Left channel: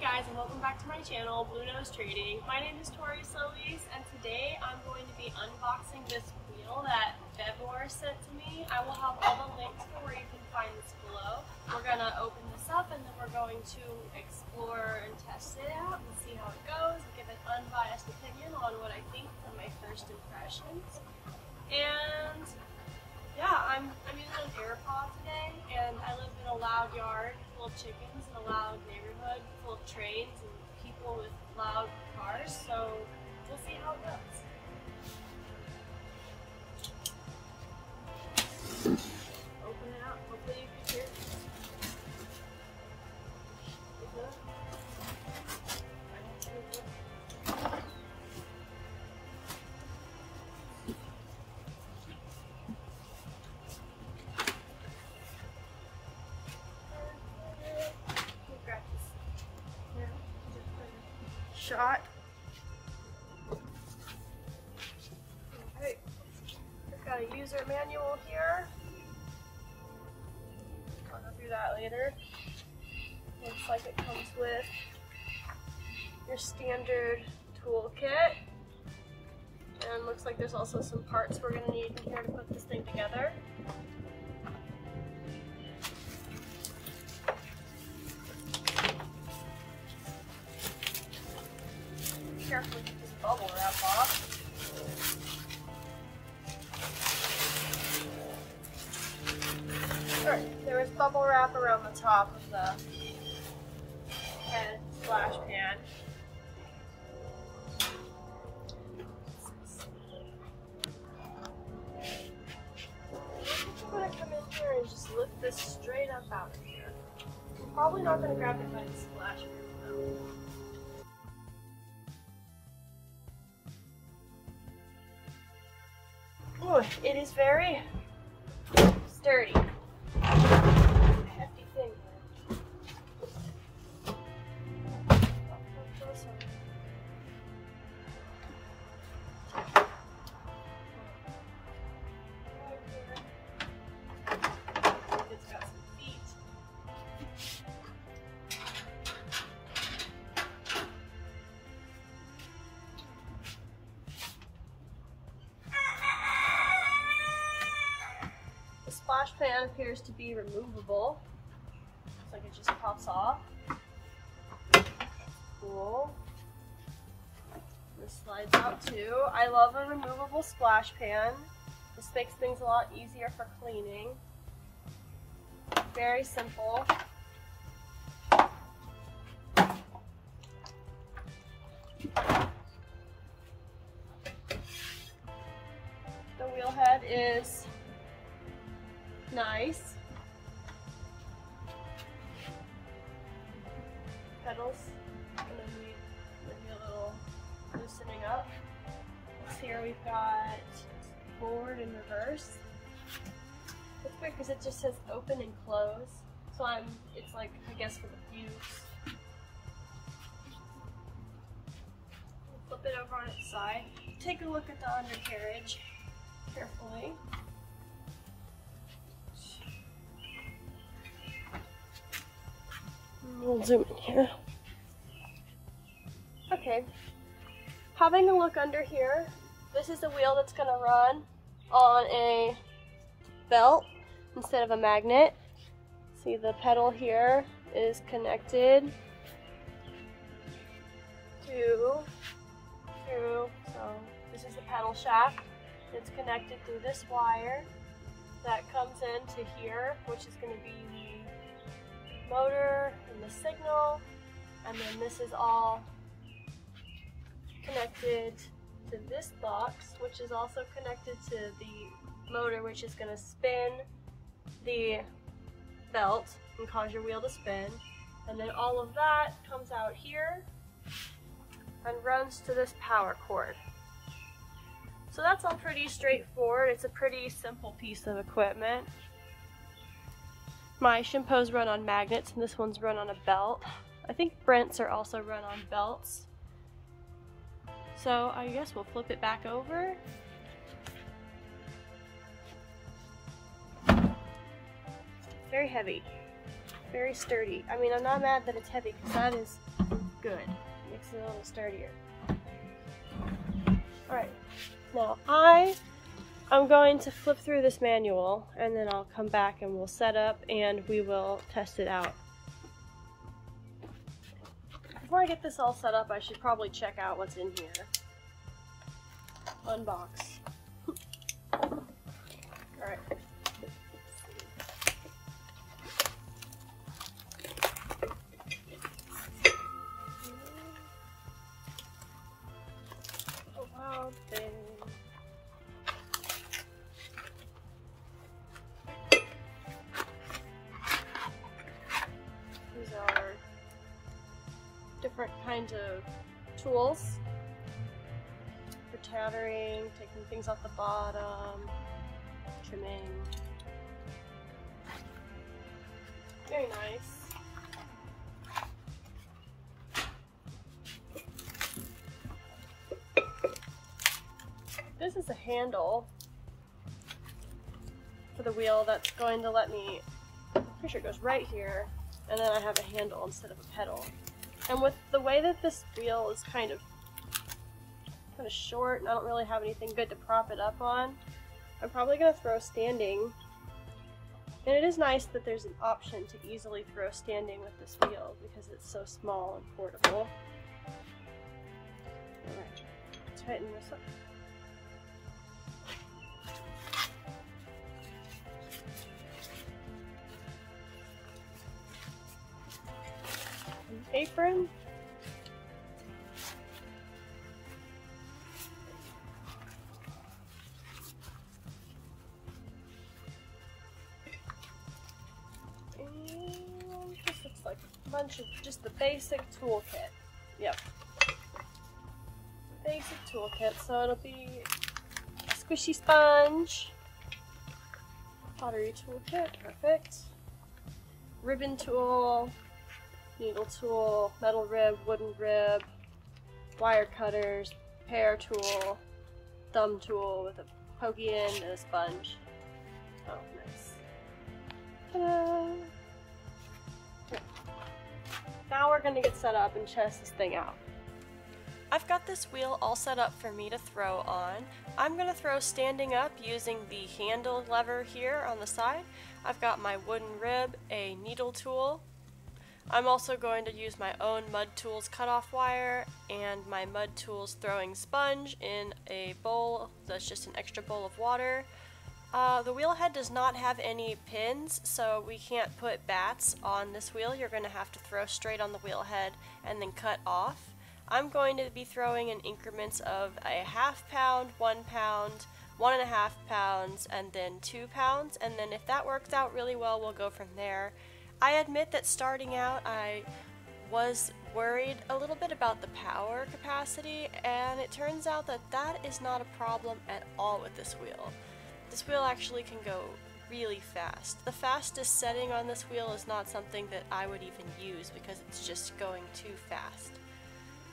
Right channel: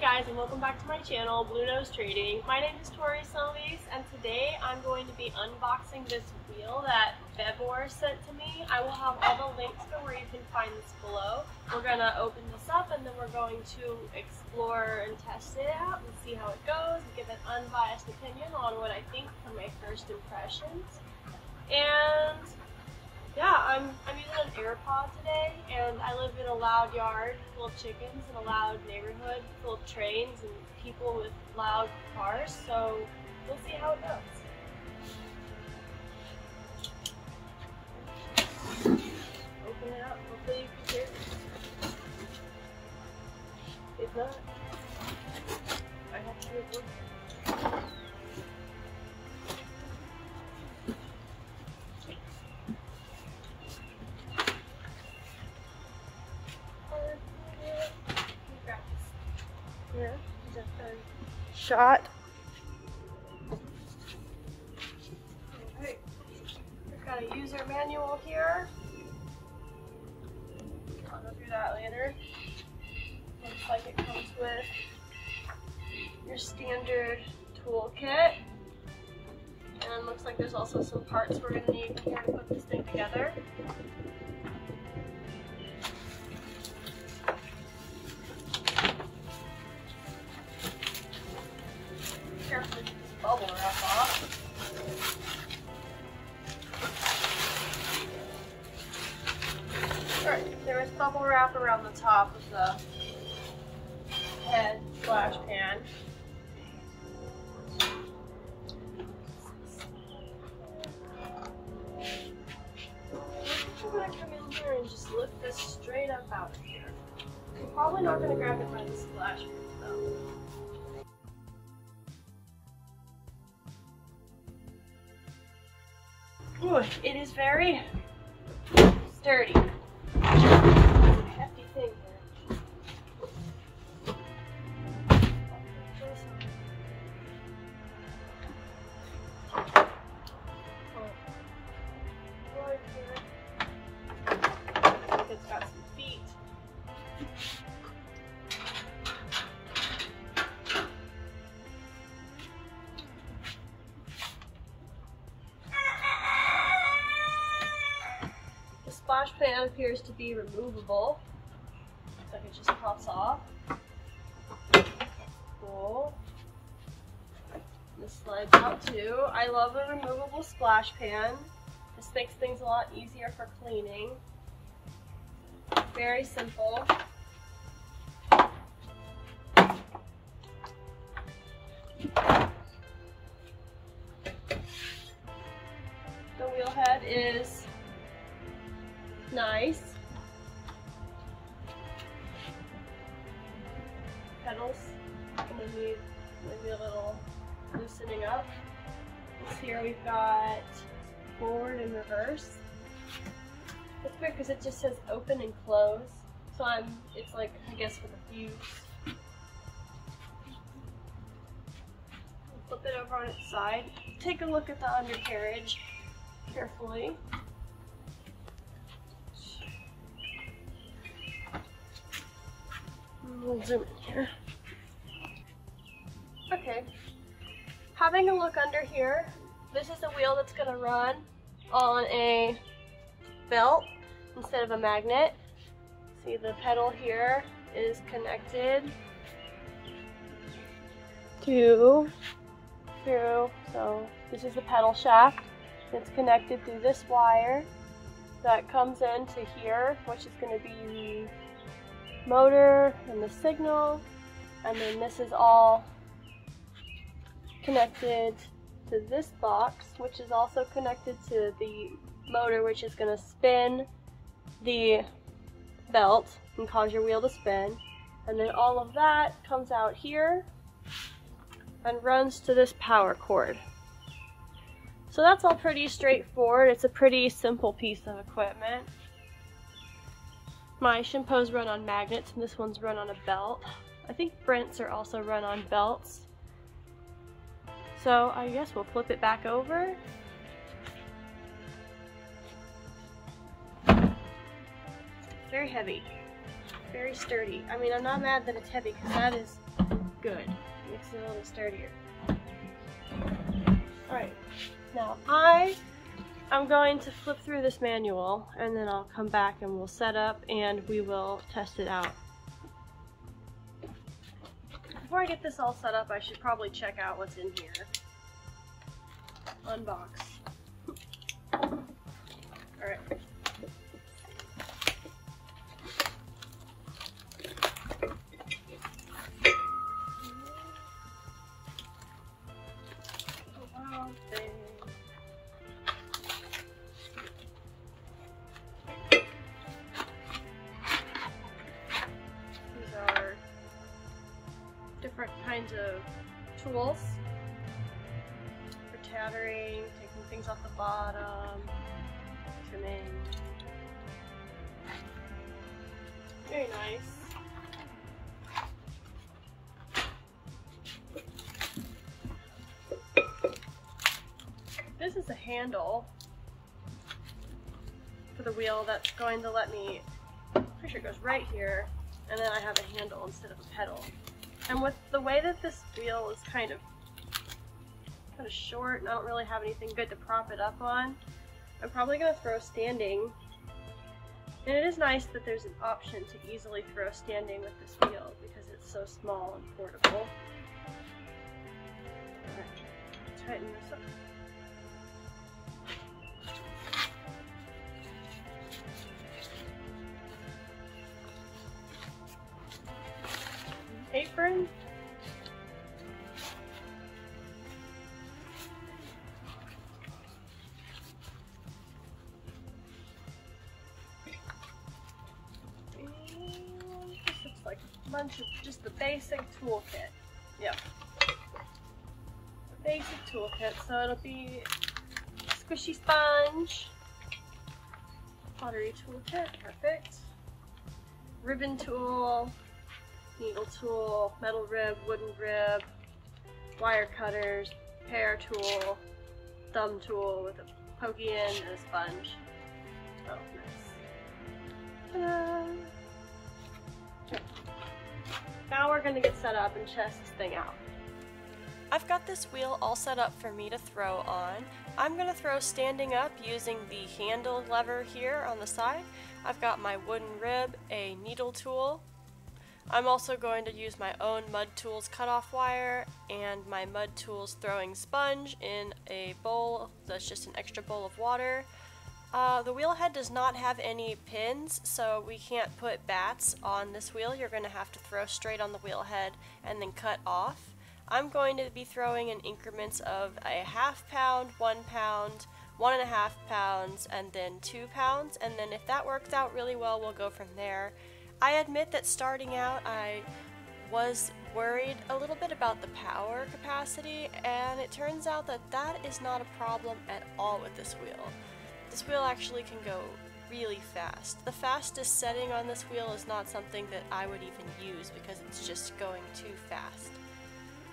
guys, and welcome back to my channel, Blue Nose Trading. My name is Tori Solis, and today I'm going to be unboxing this wheel that VEVOR sent to me. I will have all the links for where you can find this below. We're going to open this up and then we're going to explore and test it out and see how it goes and give an unbiased opinion on what I think from my first impressions. And yeah, I'm using an AirPod today, and I live in a loud yard full of chickens and a loud neighborhood full of trains and people with loud cars, so we'll see how it goes. Open it up, hopefully you can hear it. If not, I have to move wood. Here, just a shot. Alright, we've got a user manual here. I'll go through that later. Looks like it comes with your standard toolkit. And looks like there's also some parts we're going to need in here to put this thing together. Carefully get this bubble wrap off. Alright, there is bubble wrap around the top of the head splash pan. I'm going to come in here and just lift this straight up out of here. I'm probably not going to grab it by the splash pan though. Ooh, it is very sturdy. It's a hefty thing here. It's got some feet. The splash pan appears to be removable. Looks like it just pops off. Cool. This slides out too. I love a removable splash pan. This makes things a lot easier for cleaning. Very simple. The wheel head is nice. Pedals gonna need maybe a little loosening up. Here we've got forward and reverse. It's weird because it just says open and close. So it's like, I guess, for the fuse. Flip it over on its side. Take a look at the undercarriage carefully. We'll zoom in here. Okay. Having a look under here, this is the wheel that's going to run on a belt instead of a magnet. See, the pedal here is connected to so this is the pedal shaft. It's connected through this wire that comes into here, which is going to be the motor and the signal, and then this is all connected to this box, which is also connected to the motor, which is going to spin the belt and cause your wheel to spin, and then all of that comes out here and runs to this power cord. So that's all pretty straightforward. It's a pretty simple piece of equipment. My Shimpos run on magnets and this one's run on a belt. I think Brent's are also run on belts. So I guess we'll flip it back over. Very heavy, very sturdy. I mean, I'm not mad that it's heavy because that is Good. Makes it a little sturdier. Alright, now I'm going to flip through this manual and then I'll come back and we'll set up and we will test it out. Before I get this all set up, I should probably check out what's in here. Unbox. Alright. Different kinds of tools for tattering, taking things off the bottom, trimming. Very nice. This is a handle for the wheel that's going to let me, pretty sure it goes right here, and then I have a handle instead of a pedal. And with the way that this wheel is kind of short and I don't really have anything good to prop it up on, I'm probably going to throw standing. And it is nice that there's an option to easily throw standing with this wheel because it's so small and portable. Tighten this up. Apron. And this looks like a bunch of just the basic toolkit. Yep. The basic toolkit, so it'll be a squishy sponge, pottery toolkit, perfect, ribbon tool, needle tool, metal rib, wooden rib, wire cutters, pear tool, thumb tool with a pokey end and a sponge. Oh, nice. Ta-da! Now we're gonna get set up and test this thing out. I've got this wheel all set up for me to throw on. I'm gonna throw standing up using the handle lever here on the side. I've got my wooden rib, a needle tool. I'm also going to use my own Mud Tools cutoff wire and my Mud Tools throwing sponge in a bowl that's just an extra bowl of water. The wheel head does not have any pins, so we can't put bats on this wheel. You're going to have to throw straight on the wheel head and then cut off. I'm going to be throwing in increments of a ½ pound, 1 pound, 1.5 pounds, and then 2 pounds, and then if that works out really well, we'll go from there. I admit that starting out I was worried a little bit about the power capacity, and it turns out that that is not a problem at all with this wheel. This wheel actually can go really fast. The fastest setting on this wheel is not something that I would even use because it's just going too fast.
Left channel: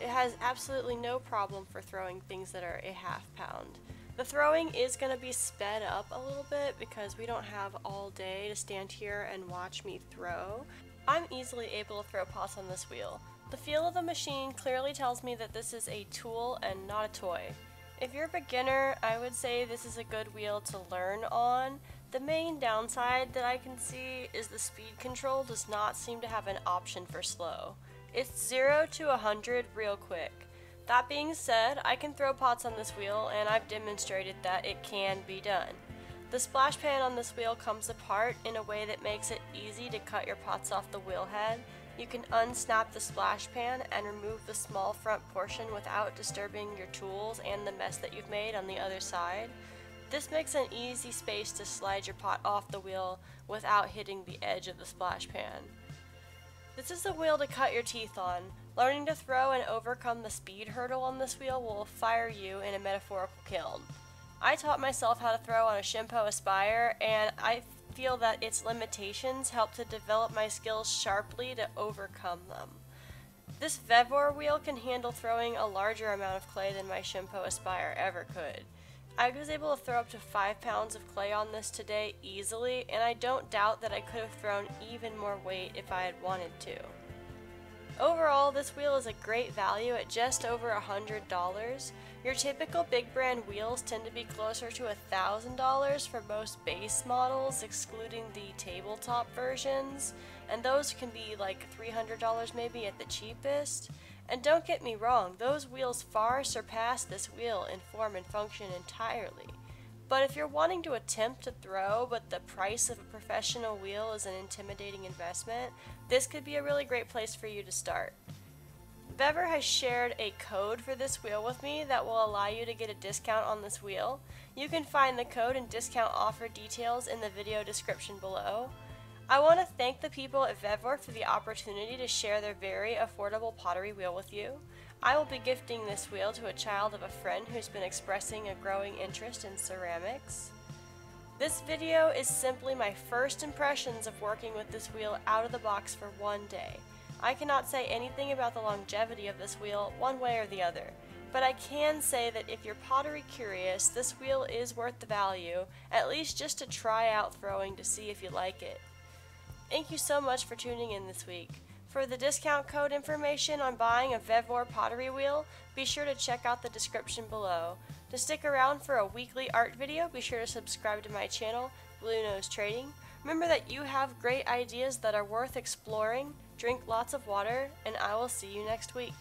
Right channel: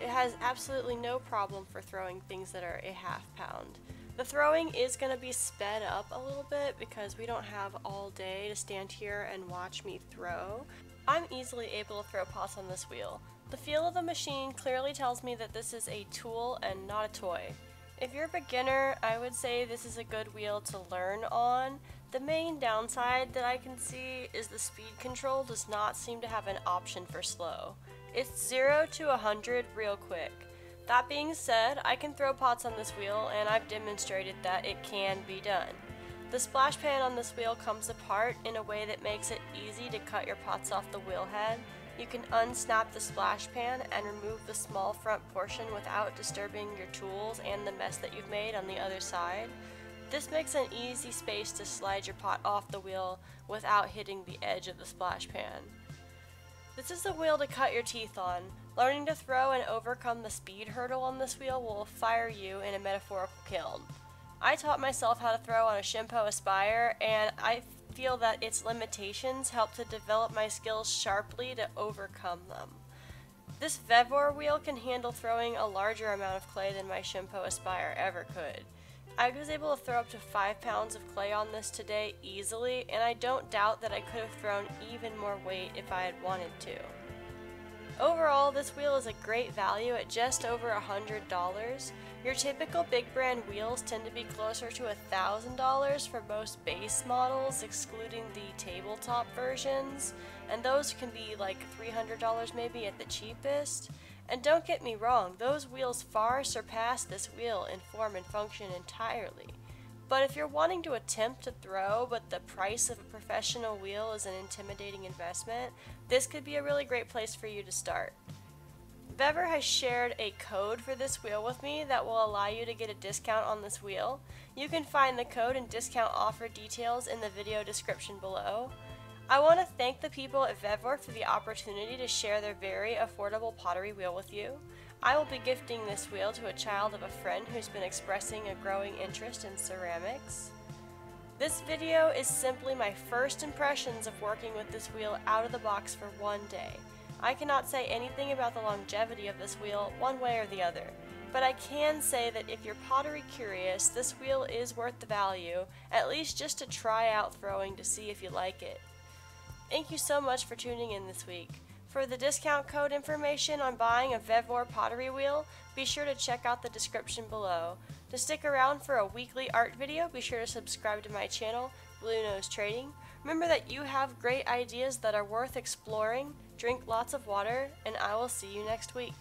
It has absolutely no problem for throwing things that are a ½ pound. The throwing is going to be sped up a little bit because we don't have all day to stand here and watch me throw. I'm easily able to throw pots on this wheel. The feel of the machine clearly tells me that this is a tool and not a toy. If you're a beginner, I would say this is a good wheel to learn on. The main downside that I can see is the speed control does not seem to have an option for slow. It's 0 to 100 real quick. That being said, I can throw pots on this wheel and I've demonstrated that it can be done. The splash pan on this wheel comes apart in a way that makes it easy to cut your pots off the wheel head. You can unsnap the splash pan and remove the small front portion without disturbing your tools and the mess that you've made on the other side. This makes an easy space to slide your pot off the wheel without hitting the edge of the splash pan. This is the wheel to cut your teeth on. Learning to throw and overcome the speed hurdle on this wheel will fire you in a metaphorical kiln. I taught myself how to throw on a Shimpo Aspire, and I feel that its limitations help to develop my skills sharply to overcome them. This VEVOR wheel can handle throwing a larger amount of clay than my Shimpo Aspire ever could. I was able to throw up to 5 pounds of clay on this today easily, and I don't doubt that I could have thrown even more weight if I had wanted to. Overall, this wheel is a great value at just over $100. Your typical big brand wheels tend to be closer to $1,000 for most base models, excluding the tabletop versions, and those can be like $300 maybe at the cheapest. And don't get me wrong, those wheels far surpass this wheel in form and function entirely. But if you're wanting to attempt to throw, but the price of a professional wheel is an intimidating investment, this could be a really great place for you to start. VEVOR has shared a code for this wheel with me that will allow you to get a discount on this wheel. You can find the code and discount offer details in the video description below. I want to thank the people at VEVOR for the opportunity to share their very affordable pottery wheel with you. I will be gifting this wheel to a child of a friend who's been expressing a growing interest in ceramics. This video is simply my first impressions of working with this wheel out of the box for one day. I cannot say anything about the longevity of this wheel one way or the other, but I can say that if you're pottery curious, this wheel is worth the value, at least just to try out throwing to see if you like it. Thank you so much for tuning in this week. For the discount code information on buying a VEVOR pottery wheel, be sure to check out the description below. To stick around for a weekly art video, be sure to subscribe to my channel, Blue Nose Trading. Remember that you have great ideas that are worth exploring, drink lots of water, and I will see you next week.